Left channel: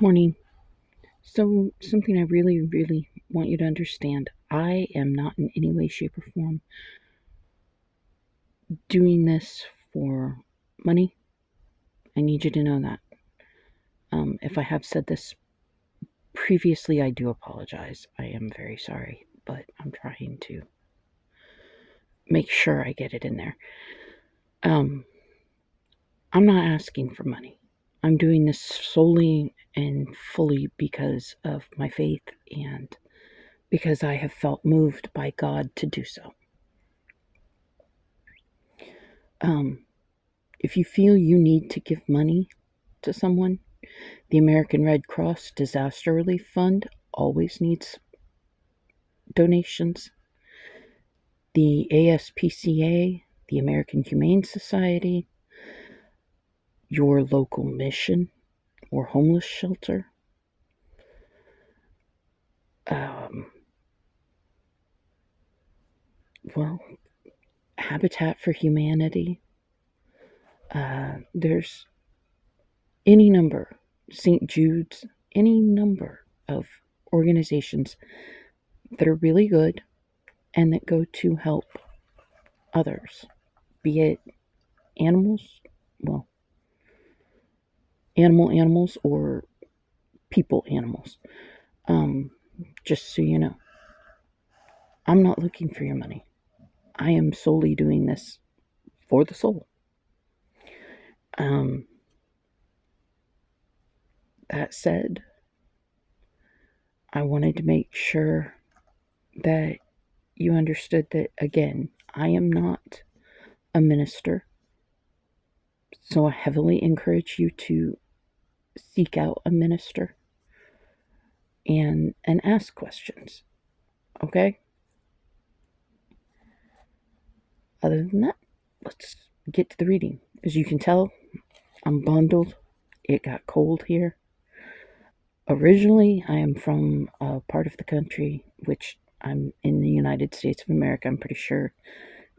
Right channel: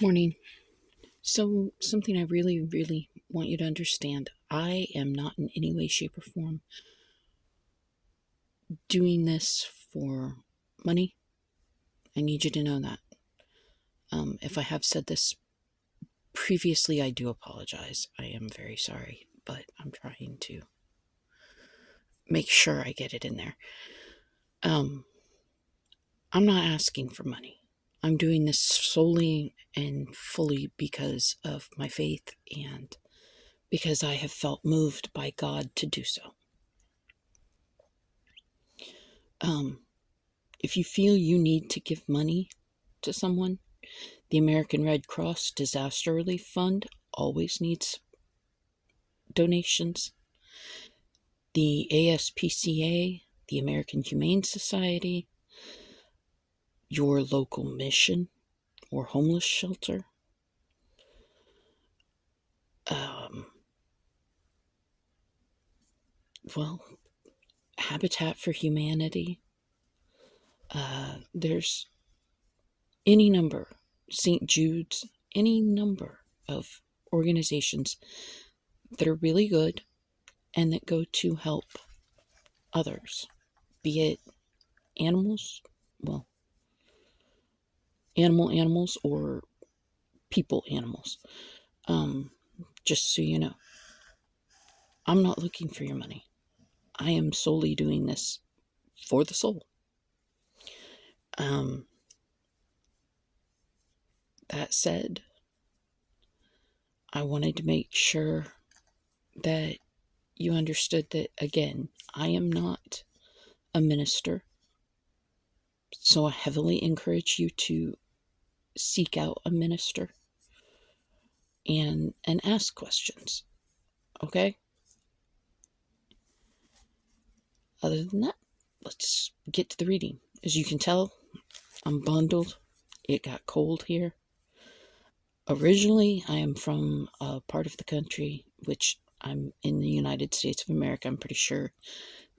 Morning. So, something I really, really want you to understand, I am not in any way, shape, or form doing this for money. I need you to know that. If I have said this previously, I do apologize. I am very sorry, but I'm trying to make sure I get it in there. I'm not asking for money. I'm doing this solely and fully because of my faith and because I have felt moved by God to do so. If you feel you need to give money to someone, the American Red Cross Disaster Relief Fund always needs donations. The ASPCA, the American Humane Society, your local mission or homeless shelter, Habitat for Humanity. There's any number, St. Jude's, any number of organizations that are really good and that go to help others, be it animals, well, animals or people animals. Just so you know, I'm not looking for your money. I am solely doing this for the soul. That said, I wanted to make sure that you understood that, again, I am not a minister, so I heavily encourage you to seek out a minister and ask questions, okay? Other than that, let's get to the reading. As you can tell, I'm bundled. It got cold here. Originally, I am from a part of the country, which I'm in the United States of America. I'm pretty sure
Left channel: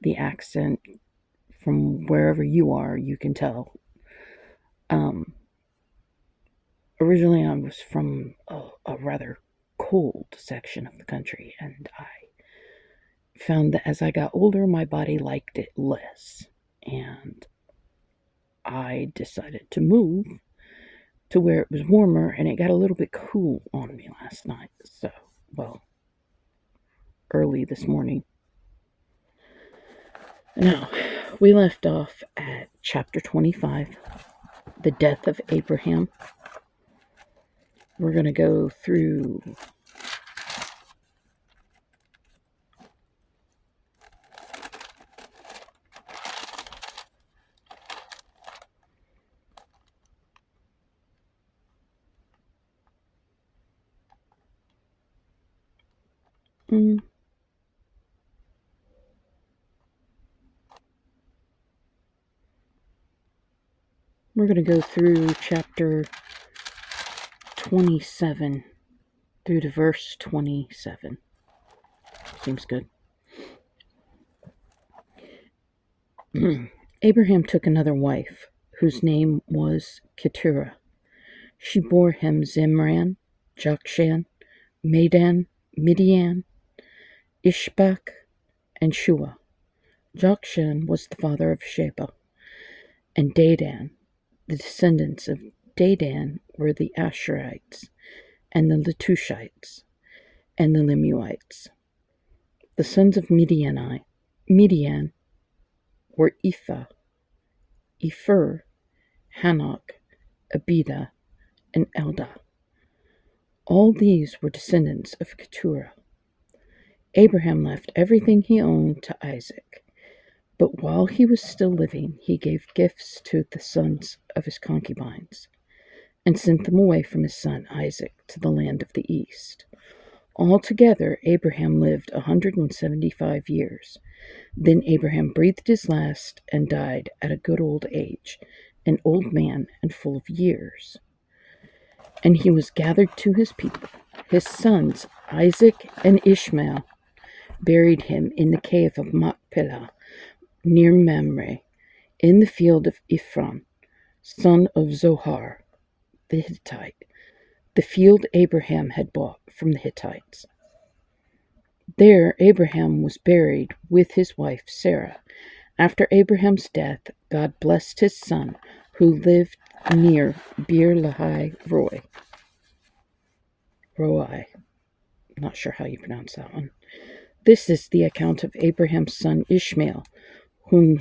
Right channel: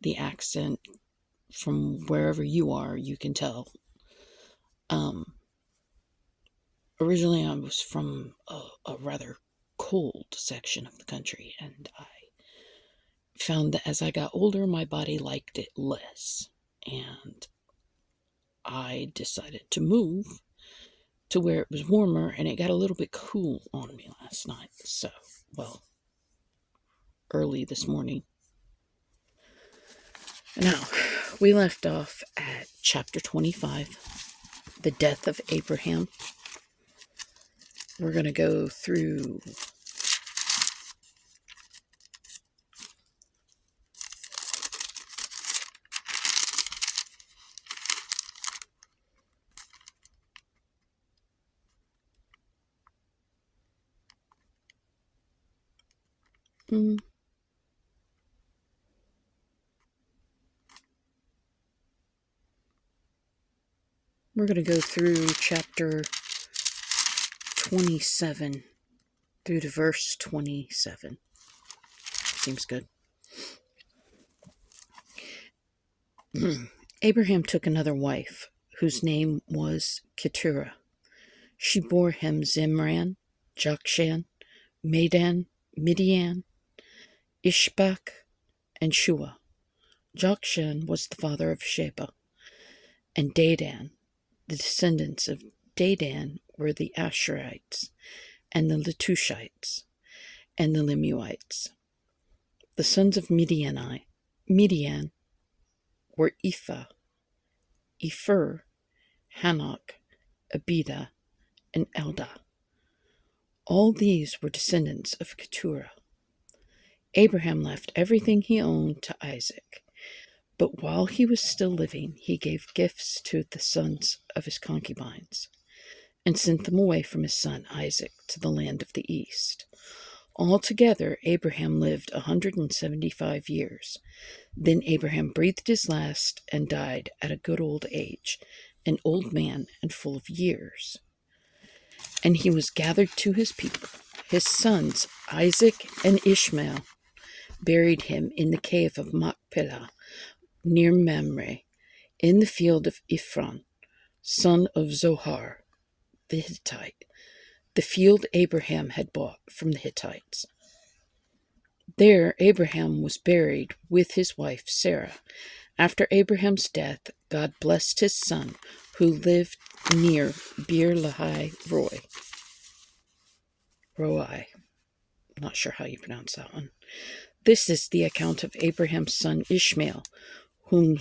the accent from wherever you are, you can tell. Originally, I was from a rather cold section of the country, and I found that as I got older, my body liked it less. And I decided to move to where it was warmer, and it got a little bit cool on me last night. So, early this morning. Now, we left off at chapter 25, the death of Abraham. We're going to go through we're going to go through chapter 27 through to verse 27. Seems good. Abraham took another wife, whose name was Keturah. She bore him Zimran, Jokshan, Medan, Midian, Ishbak, and Shua. Jokshan was the father of Sheba, and Dedan. The descendants of Dedan were the Asherites, and the Letushites, and the Lemuites. The sons of Midian were Ephah, Epher, Hanok, Abida, and Eldah. All these were descendants of Keturah. Abraham left everything he owned to Isaac, but while he was still living, he gave gifts to the sons of his concubines, and sent them away from his son Isaac to the land of the east. Altogether, Abraham lived 175 years. Then Abraham breathed his last and died at a good old age, an old man and full of years. And he was gathered to his people. His sons, Isaac and Ishmael, buried him in the cave of Machpelah, near Mamre, in the field of Ephron, son of Zohar the Hittite, the field Abraham had bought from the Hittites. There Abraham was buried with his wife Sarah. After Abraham's death, God blessed his son, who lived near Beer Lahai Roi. Not sure how you pronounce that one. This is the account of Abraham's son Ishmael, whom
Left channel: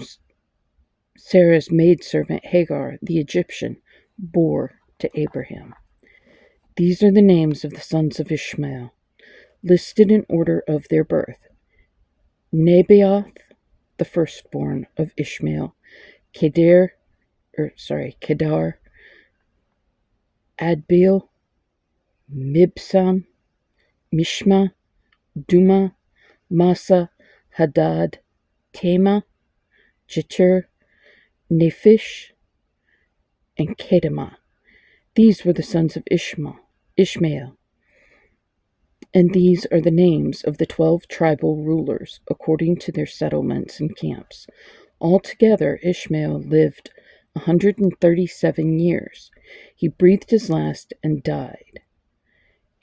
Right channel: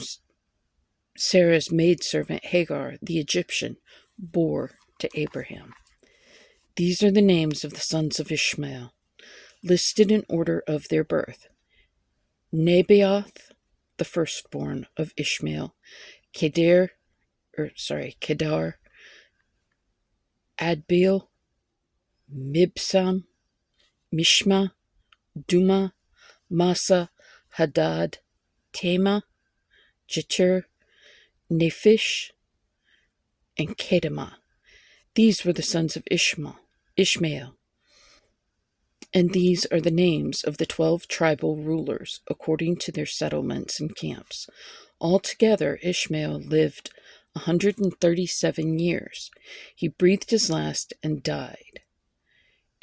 Sarah's maidservant Hagar, the Egyptian, bore to Abraham. These are the names of the sons of Ishmael, listed in order of their birth. Nebaioth, the firstborn of Ishmael, Kedar, Adbeel, Mibsam, Mishma, Duma, Massa, Hadad, Tema, Jetur, Nephish, and Kedemah. These were the sons of Ishmael. And these are the names of the 12 tribal rulers, according to their settlements and camps. Altogether, Ishmael lived 137 years. He breathed his last and died.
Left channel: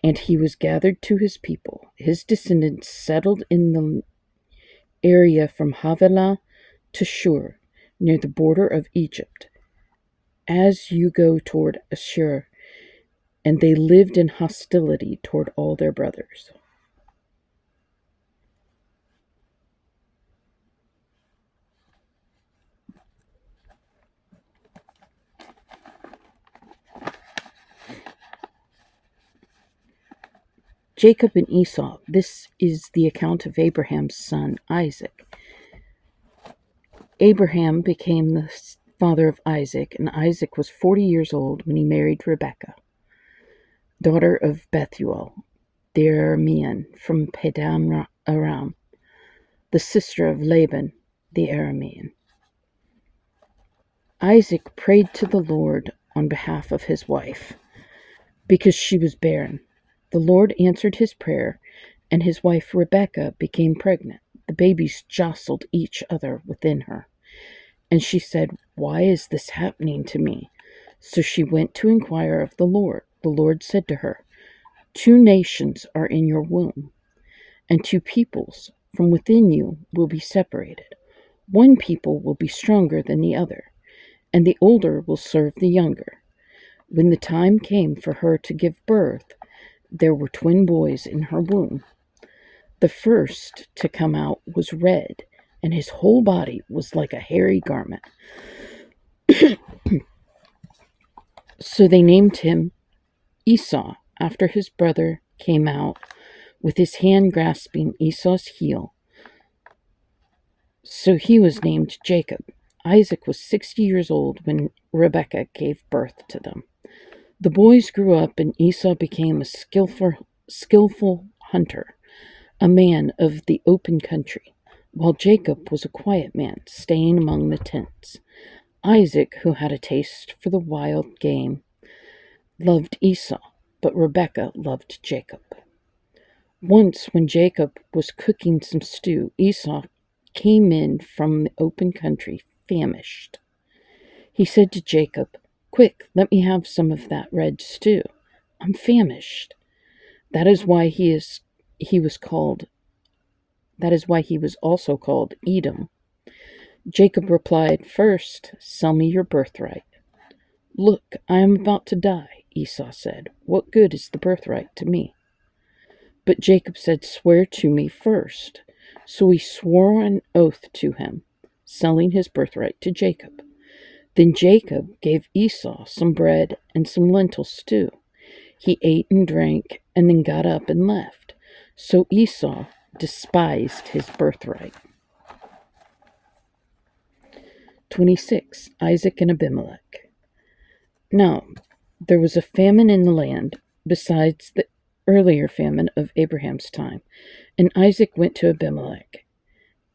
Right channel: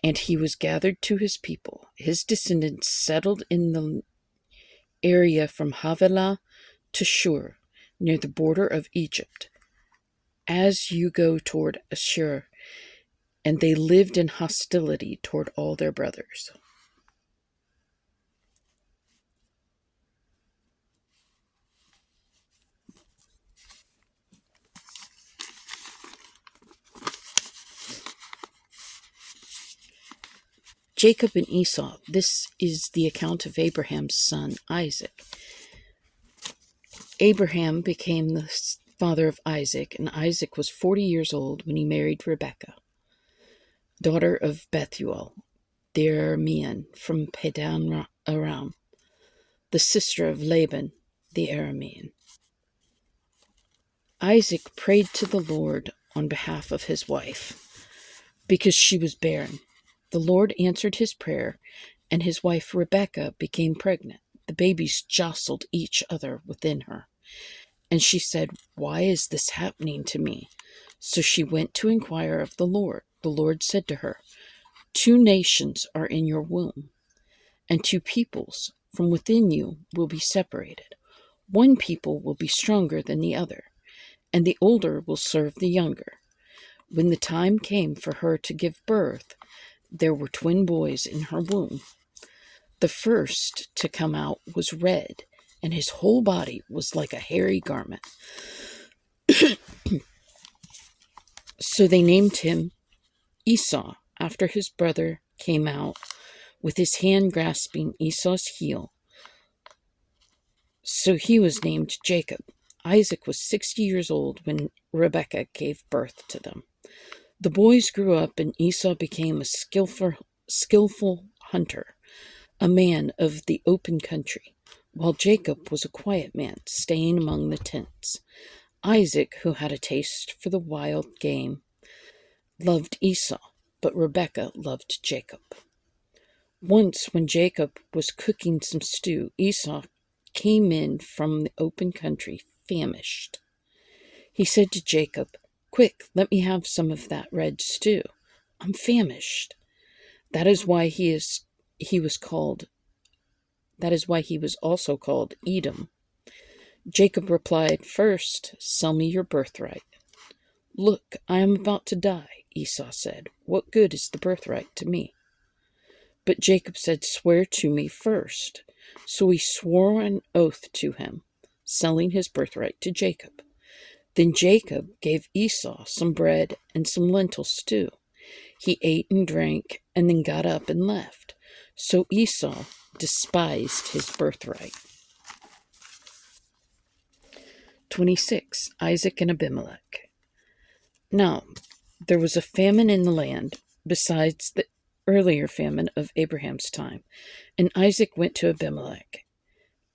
And he was gathered to his people. His descendants settled in the area from Havilah to Shur, near the border of Egypt, as you go toward Ashur, and they lived in hostility toward all their brothers. Jacob and Esau. This is the account of Abraham's son Isaac. Abraham became the father of Isaac, and Isaac was 40 years old when he married Rebekah, daughter of Bethuel, the Aramean from Padan Aram, the sister of Laban, the Aramean. Isaac prayed to the Lord on behalf of his wife, because she was barren. The Lord answered his prayer, and his wife Rebekah became pregnant. The babies jostled each other within her. And she said, "Why is this happening to me?" So she went to inquire of the Lord. The Lord said to her, "2 nations are in your womb, and 2 peoples from within you will be separated. One people will be stronger than the other, and the older will serve the younger." When the time came for her to give birth, there were twin boys in her womb. The first to come out was red, and his whole body was like a hairy garment. So they named him Esau, after his brother came out with his hand grasping Esau's heel. So he was named Jacob. Isaac was 60 years old when Rebekah gave birth to them. The boys grew up, and Esau became a skillful hunter, a man of the open country, while Jacob was a quiet man, staying among the tents. Isaac, who had a taste for the wild game, loved Esau, but Rebekah loved Jacob. Once, when Jacob was cooking some stew, Esau came in from the open country, famished. He said to Jacob, "Quick, let me have some of that red stew. I'm famished." That is why he was also called Edom. Jacob replied, "First, sell me your birthright." "Look, I am about to die," Esau said. "What good is the birthright to me?" But Jacob said, "Swear to me first." So he swore an oath to him, selling his birthright to Jacob. Then Jacob gave Esau some bread and some lentil stew. He ate and drank, and then got up and left. So Esau despised his birthright. 26. Isaac and Abimelech. Now, there was a famine in the land, besides the earlier famine of Abraham's time, and Isaac went to Abimelech,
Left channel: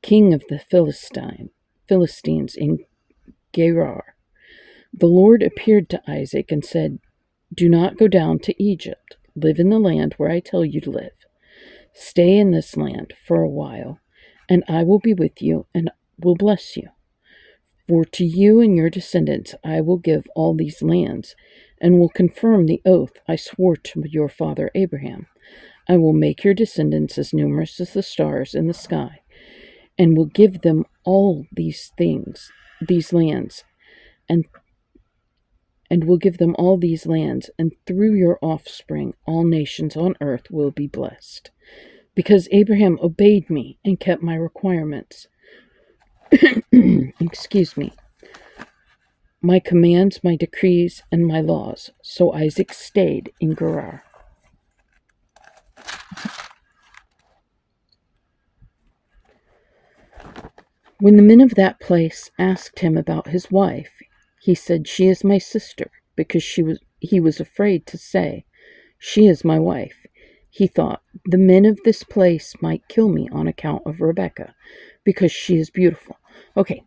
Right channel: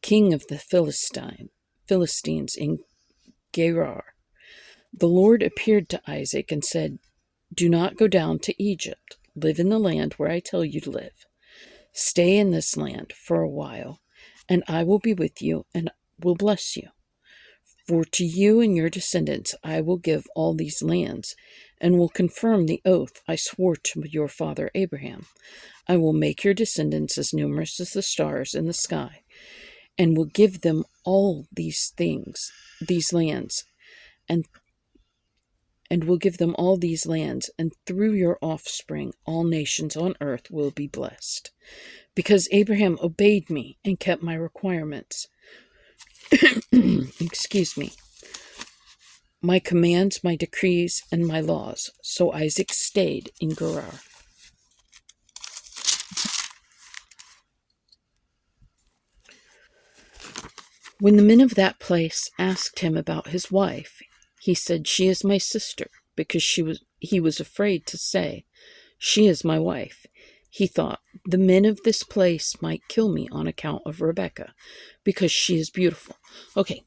king of the Philistines in Gerar. The Lord appeared to Isaac and said, "Do not go down to Egypt. Live in the land where I tell you to live. Stay in this land for a while, and I will be with you and will bless you. For to you and your descendants I will give all these lands, and will confirm the oath I swore to your father Abraham. I will make your descendants as numerous as the stars in the sky, and will give them all these lands, and will give them all these lands, and through your offspring all nations on earth will be blessed. Because Abraham obeyed me and kept my requirements. Excuse me. My commands, my decrees, and my laws. So Isaac stayed in Gerar. When the men of that place asked him about his wife, he said, "She is my sister," because he was afraid to say, "She is my wife." He thought, "The men of this place might kill me on account of Rebekah, because she is beautiful." Okay,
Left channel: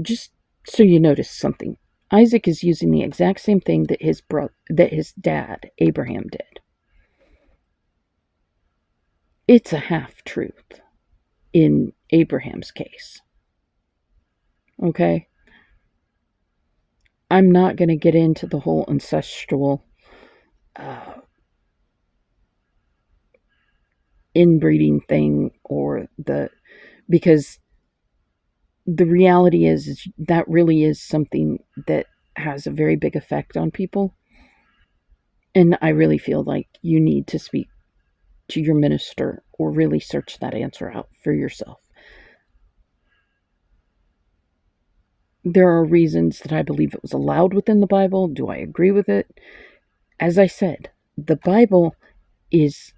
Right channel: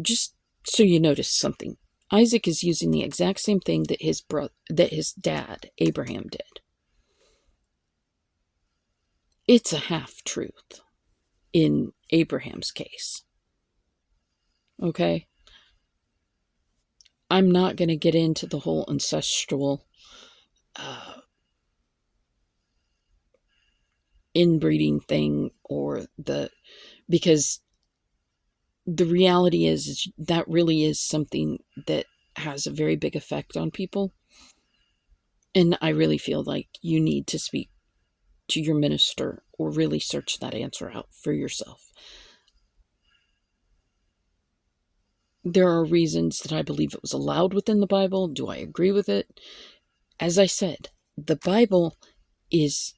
just so you notice something, Isaac is using the exact same thing that his dad Abraham did. It's a half-truth in Abraham's case. Okay? I'm not going to get into the whole ancestral inbreeding thing because the reality is that really is something that has a very big effect on people. And I really feel like you need to speak to your minister or really search that answer out for yourself. There are reasons that I believe it was allowed within the Bible. Do I agree with it? As I said, the Bible is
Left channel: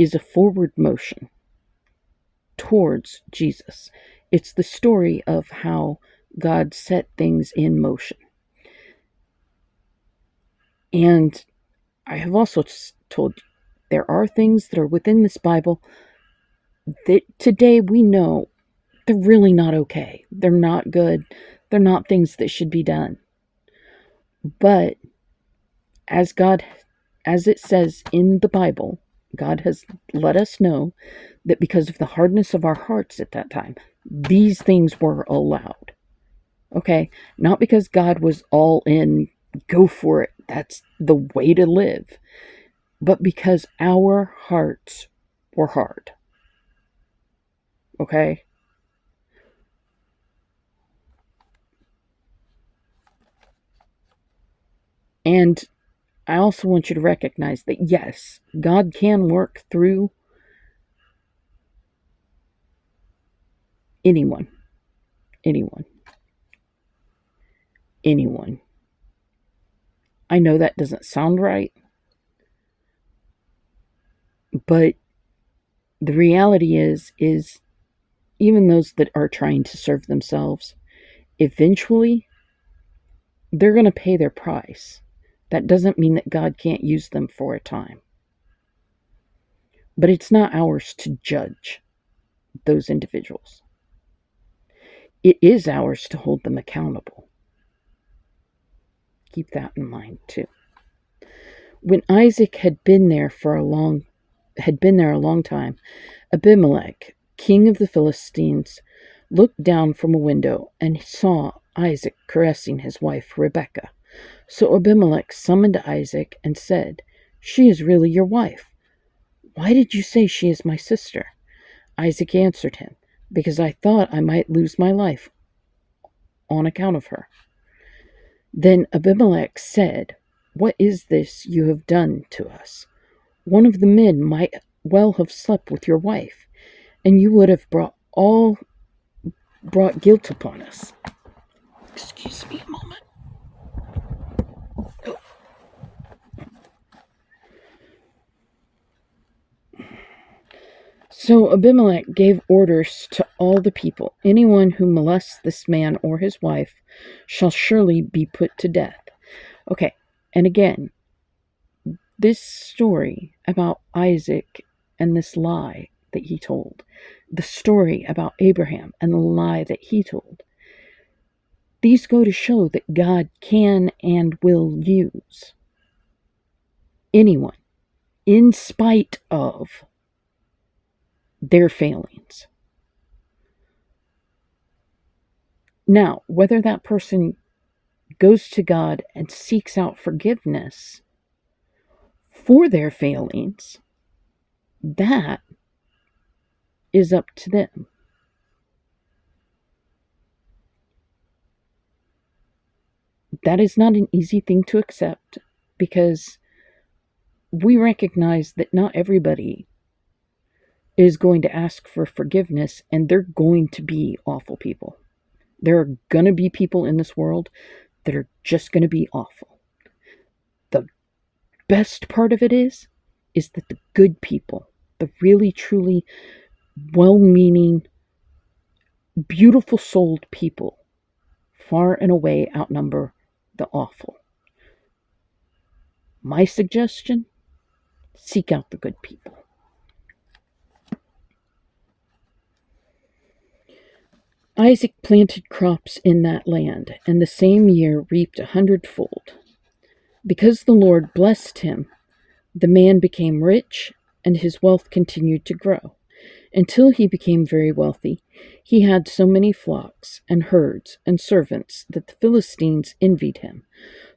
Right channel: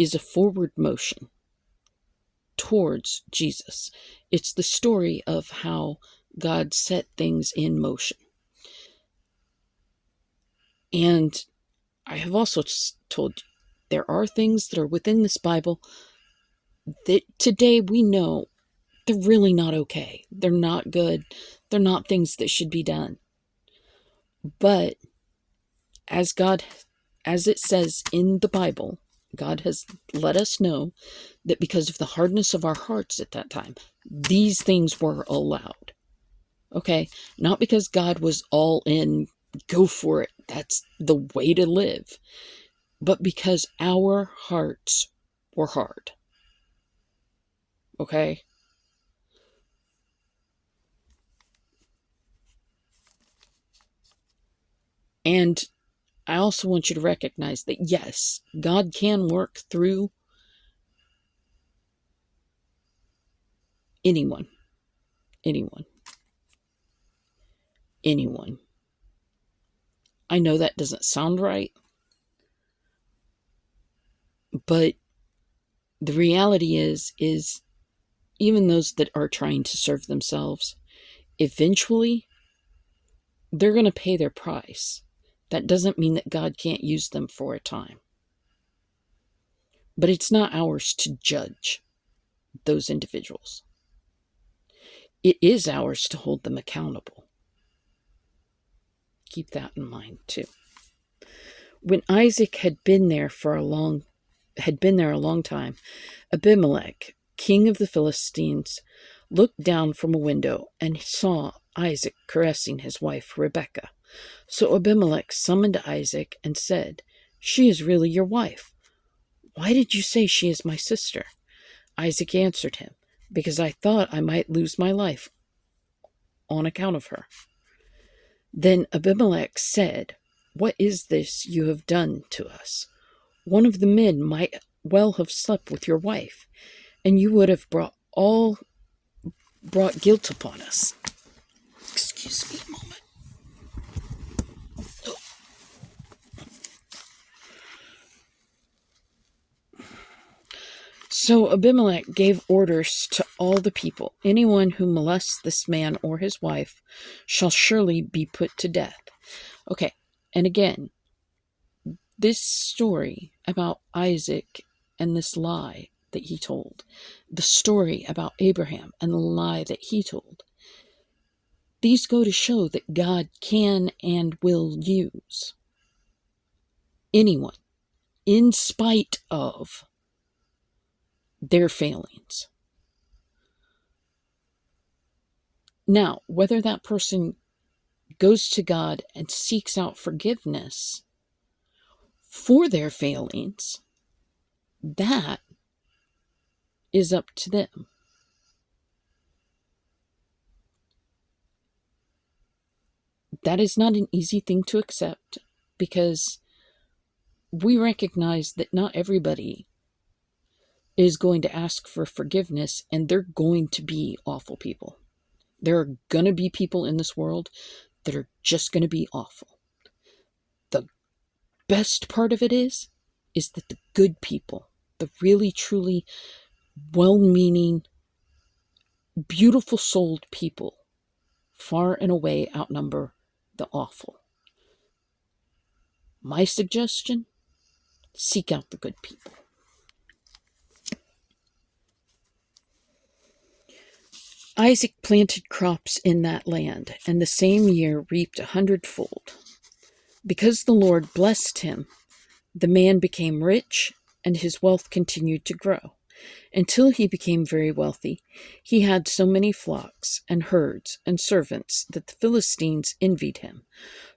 a forward motion towards Jesus. It's the story of how God set things in motion. And I have also told you, there are things that are within this Bible that today we know they're really not okay. They're not good. They're not things that should be done. But as it says in the Bible, God has let us know that because of the hardness of our hearts at that time, these things were allowed. Okay? Not because God was all in, go for it, that's the way to live, but because our hearts were hard. Okay? And I also want you to recognize that, yes, God can work through anyone. I know that doesn't sound right, but the reality is even those that are trying to serve themselves, eventually they're going to pay their price. That doesn't mean that God can't use them for a time. But it's not ours to judge those individuals. It is ours to hold them accountable. Keep that in mind too. When Isaac had been there a long time, Abimelech, king of the Philistines, looked down from a window and saw Isaac caressing his wife Rebekah. So Abimelech summoned Isaac and said, "She is really your wife. Why did you say she is my sister?" Isaac answered him, "Because I thought I might lose my life on account of her." Then Abimelech said, "What is this you have done to us? One of the men might well have slept with your wife, and you would have brought guilt upon us." Excuse me a moment. So Abimelech gave orders to all the people, "Anyone who molests this man or his wife shall surely be put to death." Okay, and again, this story about Isaac and this lie that he told, the story about Abraham and the lie that he told, these go to show that God can and will use anyone in spite of their failings. Now, whether that person goes to God and seeks out forgiveness for their failings, that is up to them. That is not an easy thing to accept, because we recognize that not everybody is going to ask for forgiveness, and they're going to be awful people. There are going to be people in this world that are just going to be awful. The best part of it is that the good people, the really, truly well-meaning, beautiful-souled people, far and away outnumber the awful. My suggestion, seek out the good people. Isaac planted crops in that land, and the same year reaped 100-fold. Because the Lord blessed him, the man became rich, and his wealth continued to grow. Until he became very wealthy, he had so many flocks and herds and servants that the Philistines envied him.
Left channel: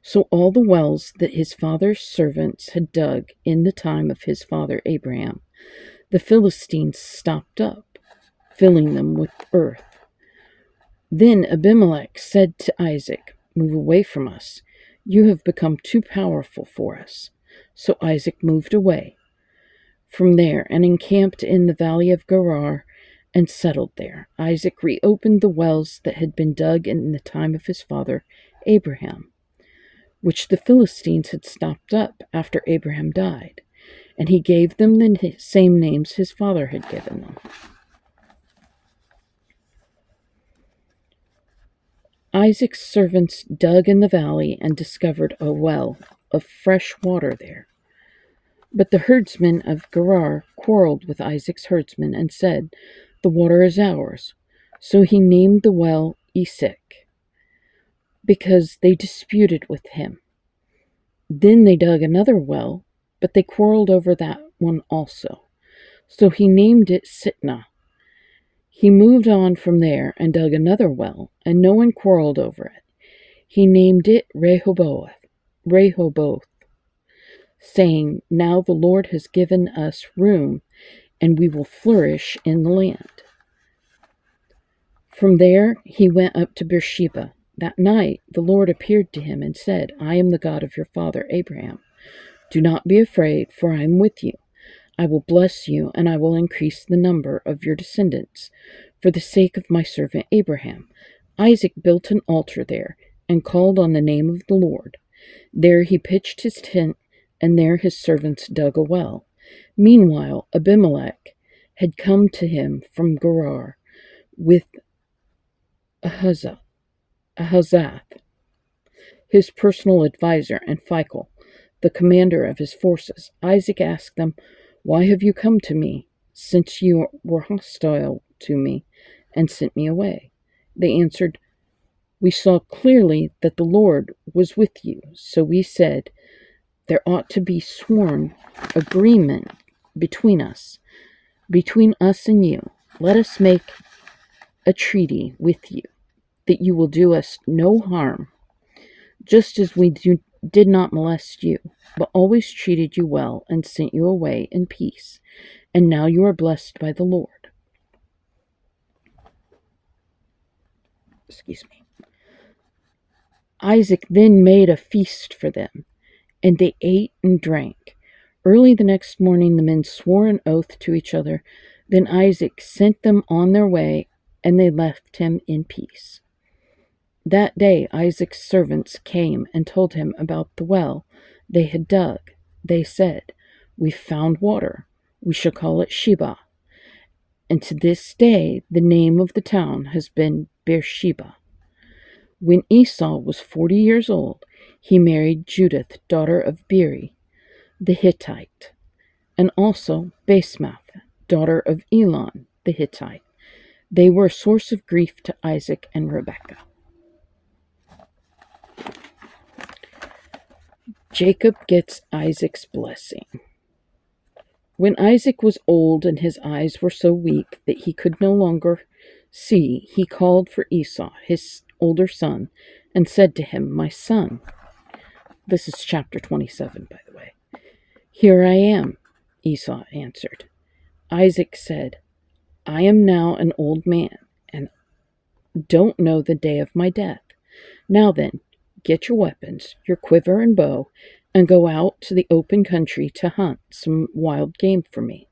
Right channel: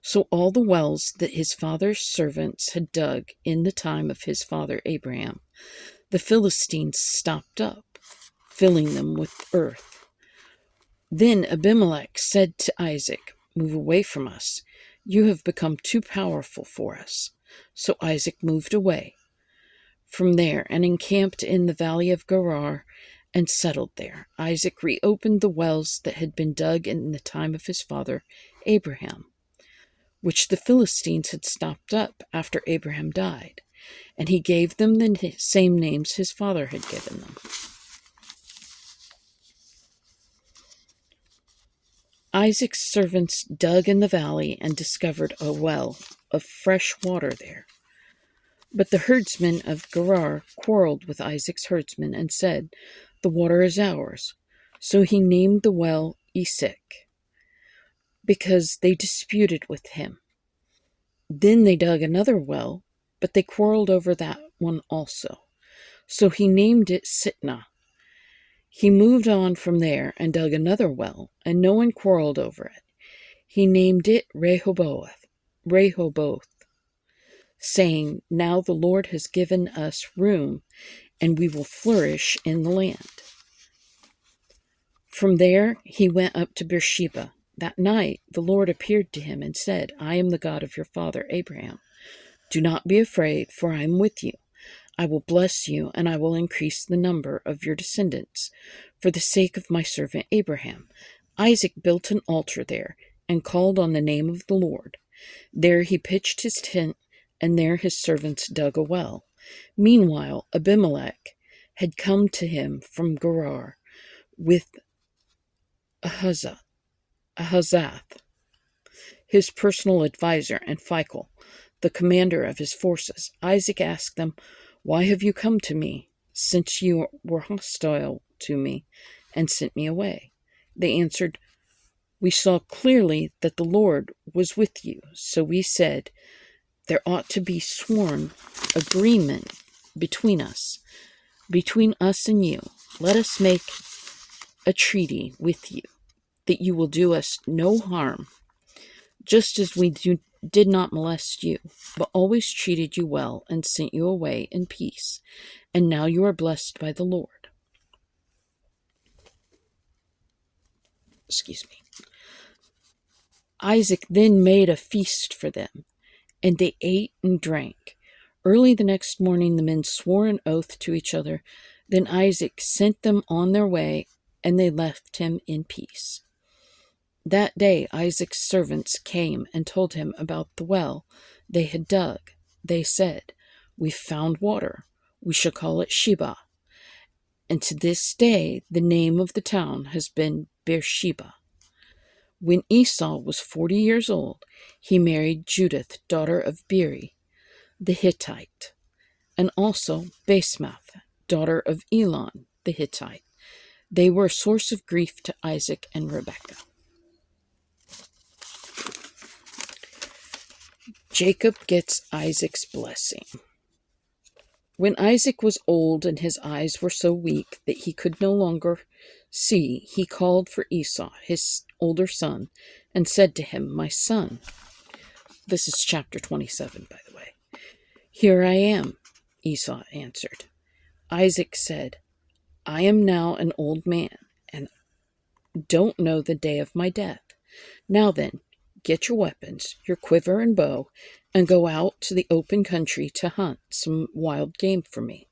So all the wells that his father's servants had dug in the time of his father Abraham, the Philistines stopped up, filling them with earth. Then Abimelech said to Isaac, "Move away from us. You have become too powerful for us." So Isaac moved away from there and encamped in the valley of Gerar and settled there. Isaac reopened the wells that had been dug in the time of his father Abraham, which the Philistines had stopped up after Abraham died, and he gave them the same names his father had given them. Isaac's servants dug in the valley and discovered a well of fresh water there. But the herdsmen of Gerar quarreled with Isaac's herdsmen and said, "The water is ours." So he named the well Esek, because they disputed with him. Then they dug another well, but they quarreled over that one also. So he named it Sitnah. He moved on from there and dug another well, and no one quarreled over it. He named it Rehoboth, saying, "Now the Lord has given us room, and we will flourish in the land." From there he went up to Beersheba. That night the Lord appeared to him and said, "I am the God of your father Abraham. Do not be afraid, for I am with you. I will bless you, and I will increase the number of your descendants, for the sake of my servant Abraham." Isaac built an altar there and called on the name of the Lord. There he pitched his tent, and there his servants dug a well. Meanwhile, Abimelech had come to him from Gerar with Ahazath, his personal advisor, and Phicol, the commander of his forces. Isaac asked them, "Why have you come to me, since you were hostile to me and sent me away?" They answered, "We saw clearly that the Lord was with you, so we said, there ought to be sworn agreement between us and you. Let us make a treaty with you, that you will do us no harm, just as we did not molest you, but always treated you well and sent you away in peace. And now you are blessed by the Lord." Excuse me. Isaac then made a feast for them, and they ate and drank. Early the next morning the men swore an oath to each other. Then Isaac sent them on their way, and they left him in peace. That day Isaac's servants came and told him about the well they had dug. They said, "We've found water. We shall call it Sheba." And to this day the name of the town has been Beersheba. When Esau was 40 years old, he married Judith, daughter of Beeri, the Hittite, and also Basemath, daughter of Elon, the Hittite. They were a source of grief to Isaac and Rebekah. Jacob gets Isaac's blessing. When Isaac was old and his eyes were so weak that he could no longer See, he called for Esau, his older son, and said to him, My son. This is chapter 27, by the way. Here I am, Esau answered. Isaac said, I am now an old man, and don't know the day of my death. Now then, get your weapons, your quiver and bow, and go out to the open country to hunt some wild game for me.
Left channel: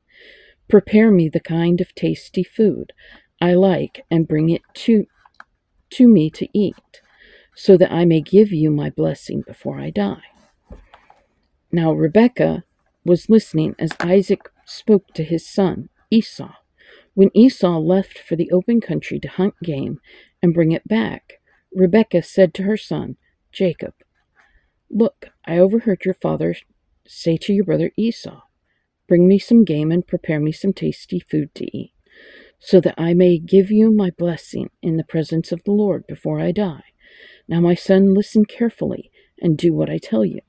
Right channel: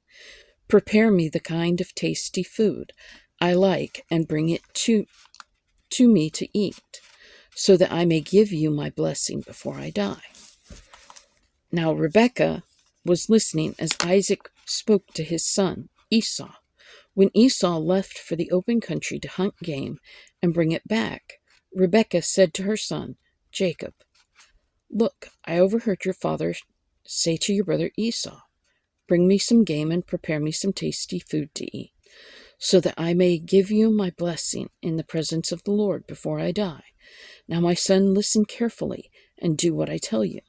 Prepare me the kind of tasty food I like and bring it to me to eat, so that I may give you my blessing before I die. Now Rebekah was listening as Isaac spoke to his son Esau. When Esau left for the open country to hunt game and bring it back, Rebekah said to her son Jacob, Look, I overheard your father say to your brother Esau, Bring me some game and prepare me some tasty food to eat, so that I may give you my blessing in the presence of the Lord before I die. Now, my son, listen carefully and do what I tell you.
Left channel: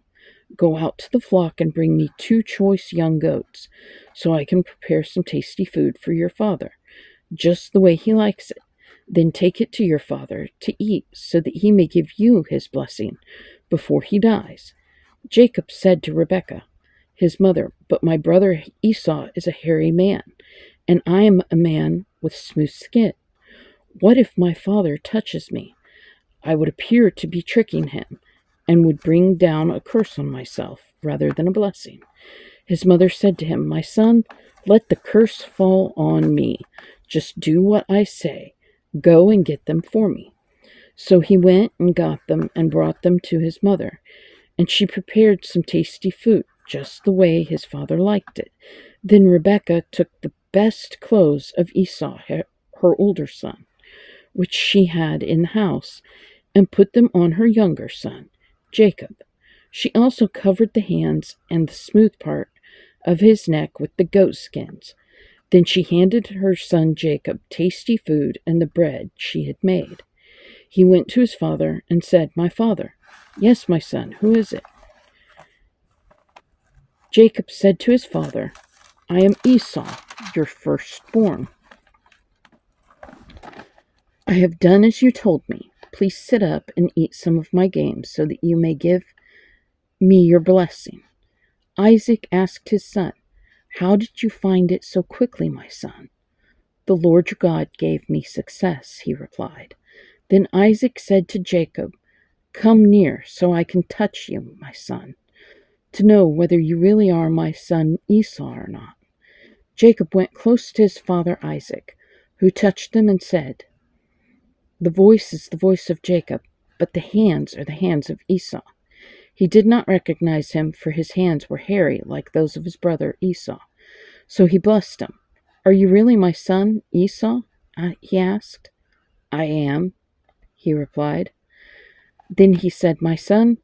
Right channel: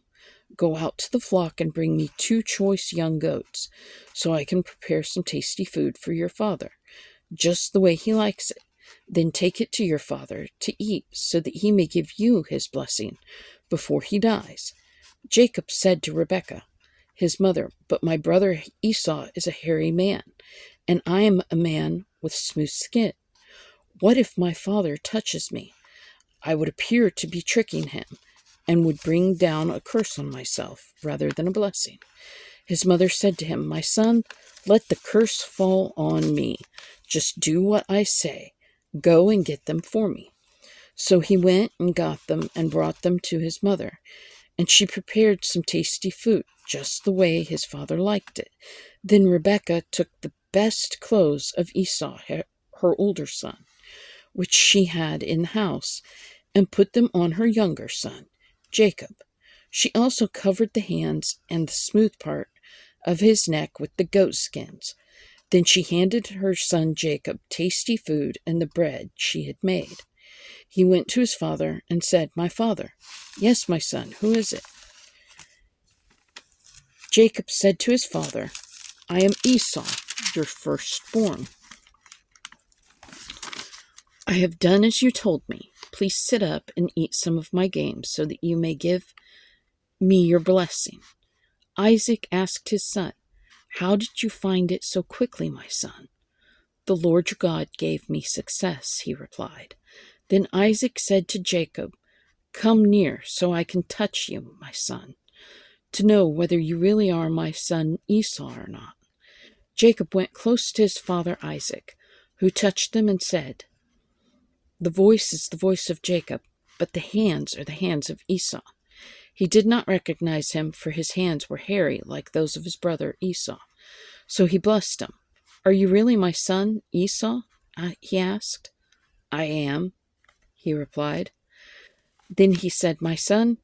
Go out to the flock and bring me 2 choice young goats, so I can prepare some tasty food for your father, just the way he likes it. Then take it to your father to eat, so that he may give you his blessing before he dies. Jacob said to Rebekah, his mother, But my brother Esau is a hairy man, and I am a man with smooth skin. What if my father touches me? I would appear to be tricking him, and would bring down a curse on myself rather than a blessing. His mother said to him, My son, let the curse fall on me. Just do what I say. Go and get them for me. So he went and got them and brought them to his mother, and she prepared some tasty food, just the way his father liked it. Then Rebekah took the best clothes of Esau, her older son, which she had in the house, and put them on her younger son, Jacob. She also covered the hands and the smooth part of his neck with the goat skins. Then she handed her son Jacob tasty food and the bread she had made. He went to his father and said, My father. Yes, my son, who is it? Jacob said to his father, I am Esau, your firstborn. I have done as you told me. Please sit up and eat some of my game, so that you may give me your blessing. Isaac asked his son, How did you find it so quickly, my son? The Lord your God gave me success, he replied. Then Isaac said to Jacob, Come near, so I can touch you, my son, to know whether you really are my son Esau or not. Jacob went close to his father Isaac, who touched him and said, The voice is the voice of Jacob, but the hands are the hands of Esau. He did not recognize him, for his hands were hairy like those of his brother Esau. So he blessed him. Are you really my son Esau? He asked. I am, he replied. Then he said, My son,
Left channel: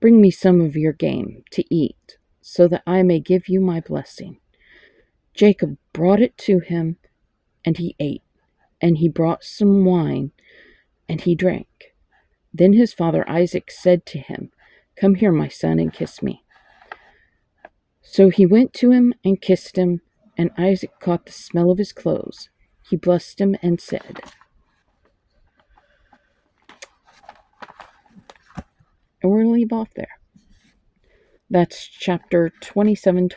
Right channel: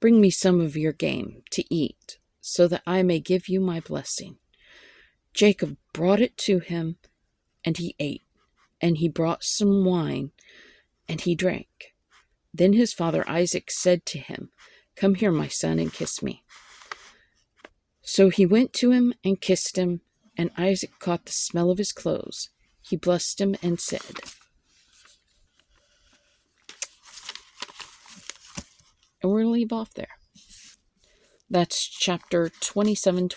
bring me some of your game to eat, so that I may give you my blessing. Jacob brought it to him, and he ate, and he brought some wine, and he drank. Then his father Isaac said to him, Come here, my son, and kiss me. So he went to him and kissed him, and Isaac caught the smell of his clothes. He blessed him and said, and we're going to leave off there. That's chapter 27,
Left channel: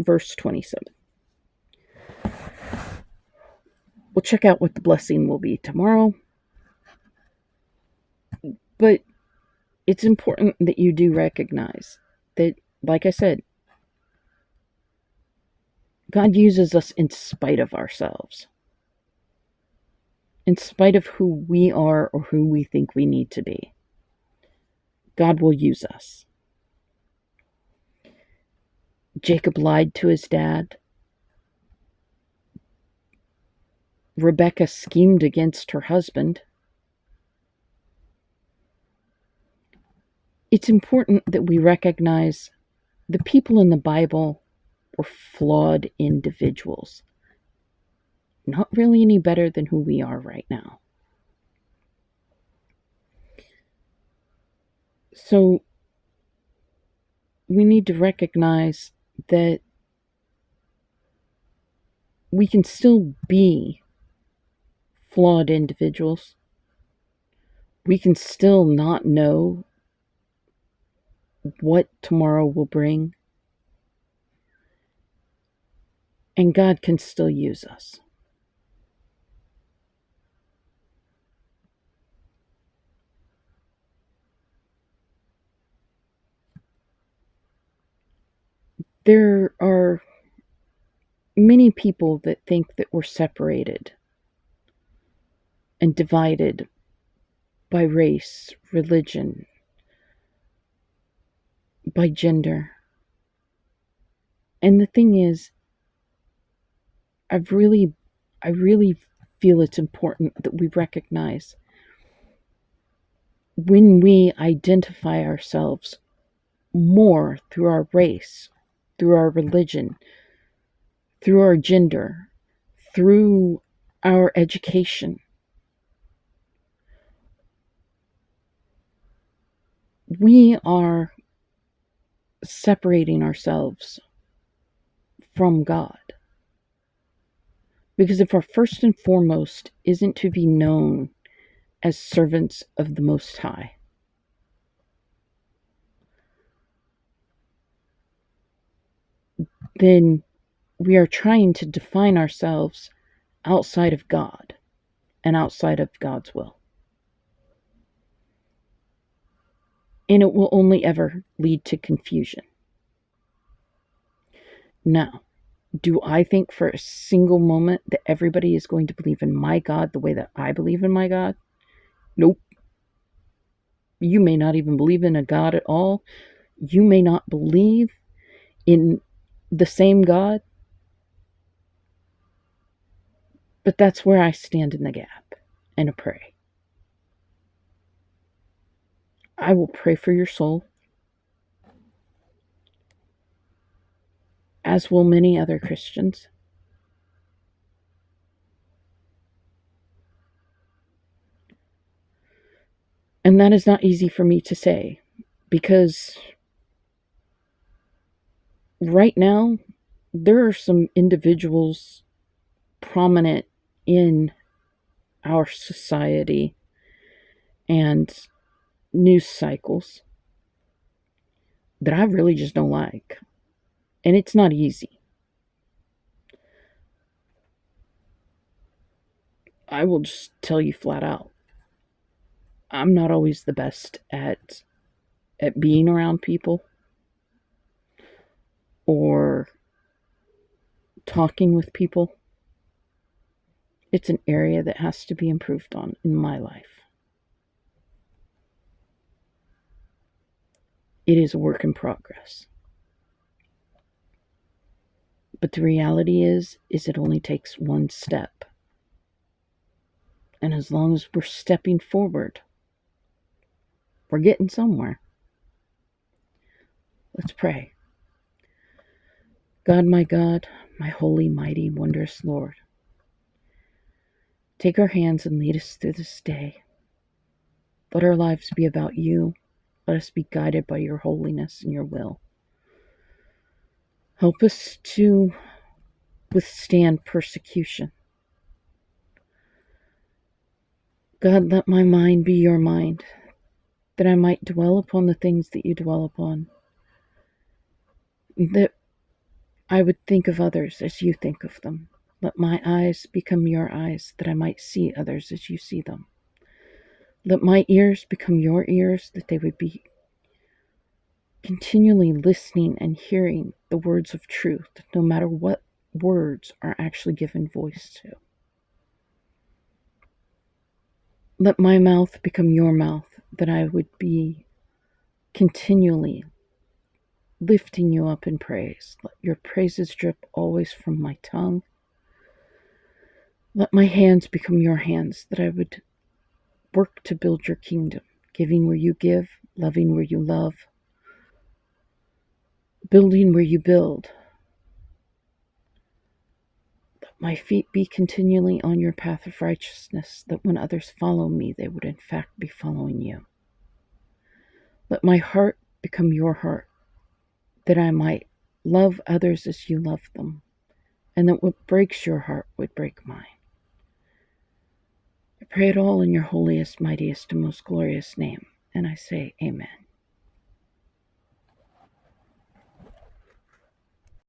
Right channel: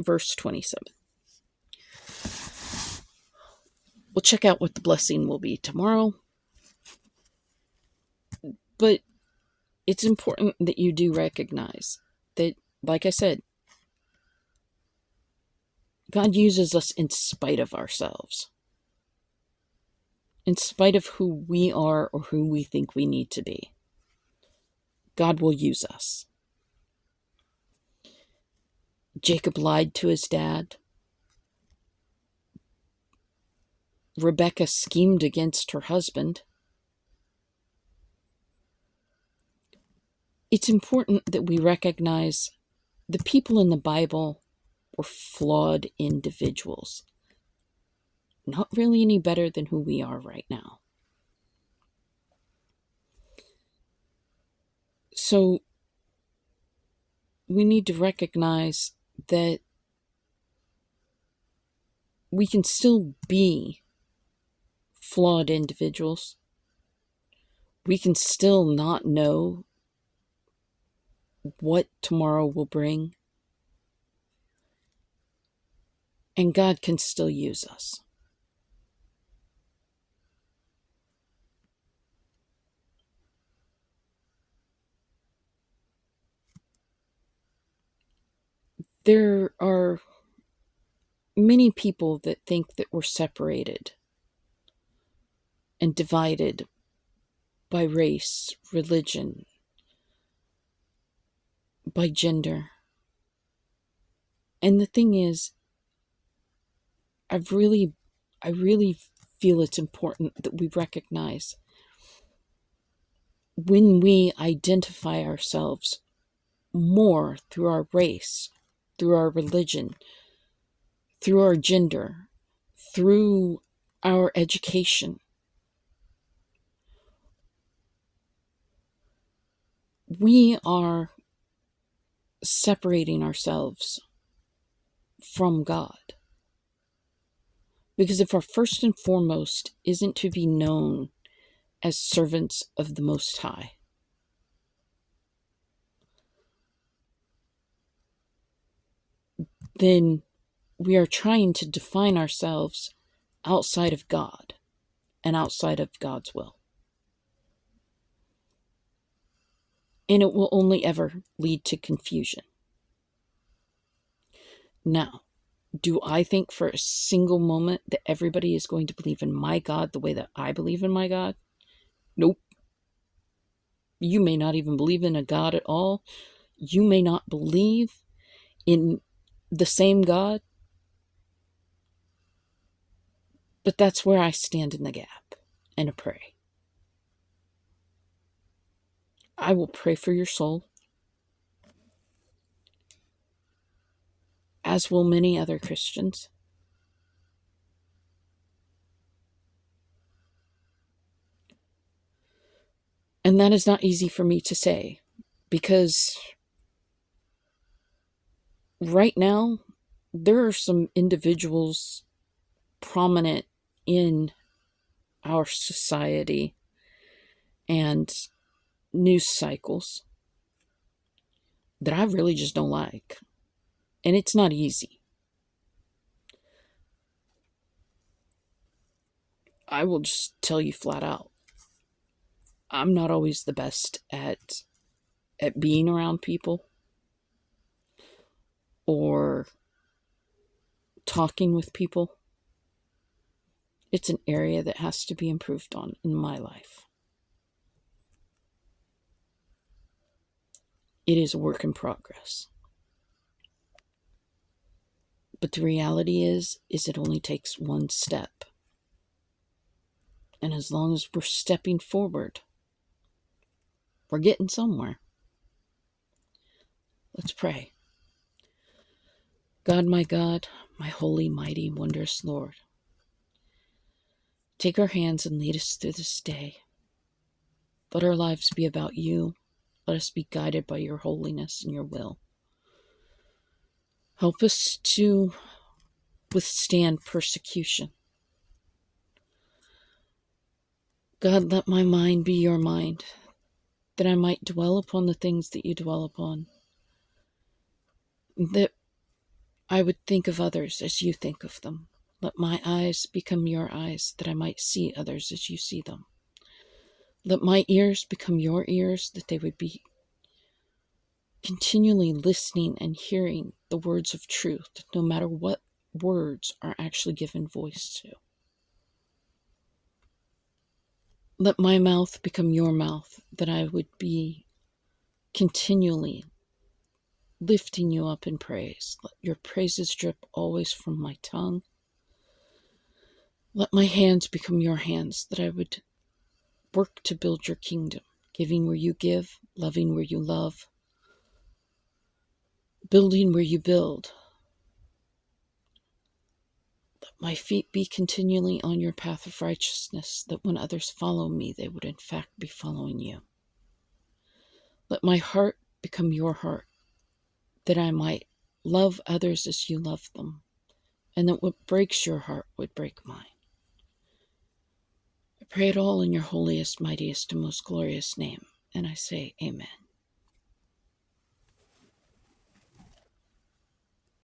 verse 27. We'll check out what the blessing will be tomorrow. But it's important that you do recognize that, like I said, God uses us in spite of ourselves, in spite of who we are or who we think we need to be. God will use us. Jacob lied to his dad. Rebekah schemed against her husband. It's important that we recognize the people in the Bible were flawed individuals, not really any better than who we are right now. So we need to recognize that we can still be flawed individuals. We can still not know what tomorrow will bring. And God can still use us. There are many people that think that we're separated and divided by race, religion, by gender. And the thing is, I really feel it's important that we recognize when we identify ourselves more through our race, through our religion, through our gender, through our education, we are separating ourselves from God. Because if our first and foremost isn't to be known as servants of the Most High, then we are trying to define ourselves outside of God and outside of God's will. And it will only ever lead to confusion. Now, do I think for a single moment that everybody is going to believe in my God the way that I believe in my God? Nope. You may not even believe in a God at all. You may not believe in the same God. But that's where I stand in the gap and pray. I will pray for your soul, as will many other Christians. And that is not easy for me to say, because right now, there are some individuals prominent in our society and news cycles that I really just don't like. And it's not easy. I will just tell you flat out, I'm not always the best at being around people or talking with people. It's an area that has to be improved on in my life. It is a work in progress. But the reality is it only takes one step. And as long as we're stepping forward, we're getting somewhere. Let's pray. God, my holy, mighty, wondrous Lord, take our hands and lead us through this day. Let our lives be about you. Let us be guided by your holiness and your will. Help us to withstand persecution. God, let my mind be your mind, that I might dwell upon the things that you dwell upon, that I would think of others as you think of them. Let my eyes become your eyes, that I might see others as you see them. Let my ears become your ears, that they would be continually listening and hearing the words of truth, no matter what words are actually given voice to. Let my mouth become your mouth, that I would be continually lifting you up in praise. Let your praises drip always from my tongue. Let my hands become your hands, that I would work to build your kingdom, giving where you give, loving where you love, building where you build. Let my feet be continually on your path of righteousness, that when others follow me, they would in fact be following you. Let my heart become your heart, that I might love others as you love them, and that what breaks your heart would break mine. I pray it all in your holiest, mightiest, and most glorious name, and I say amen.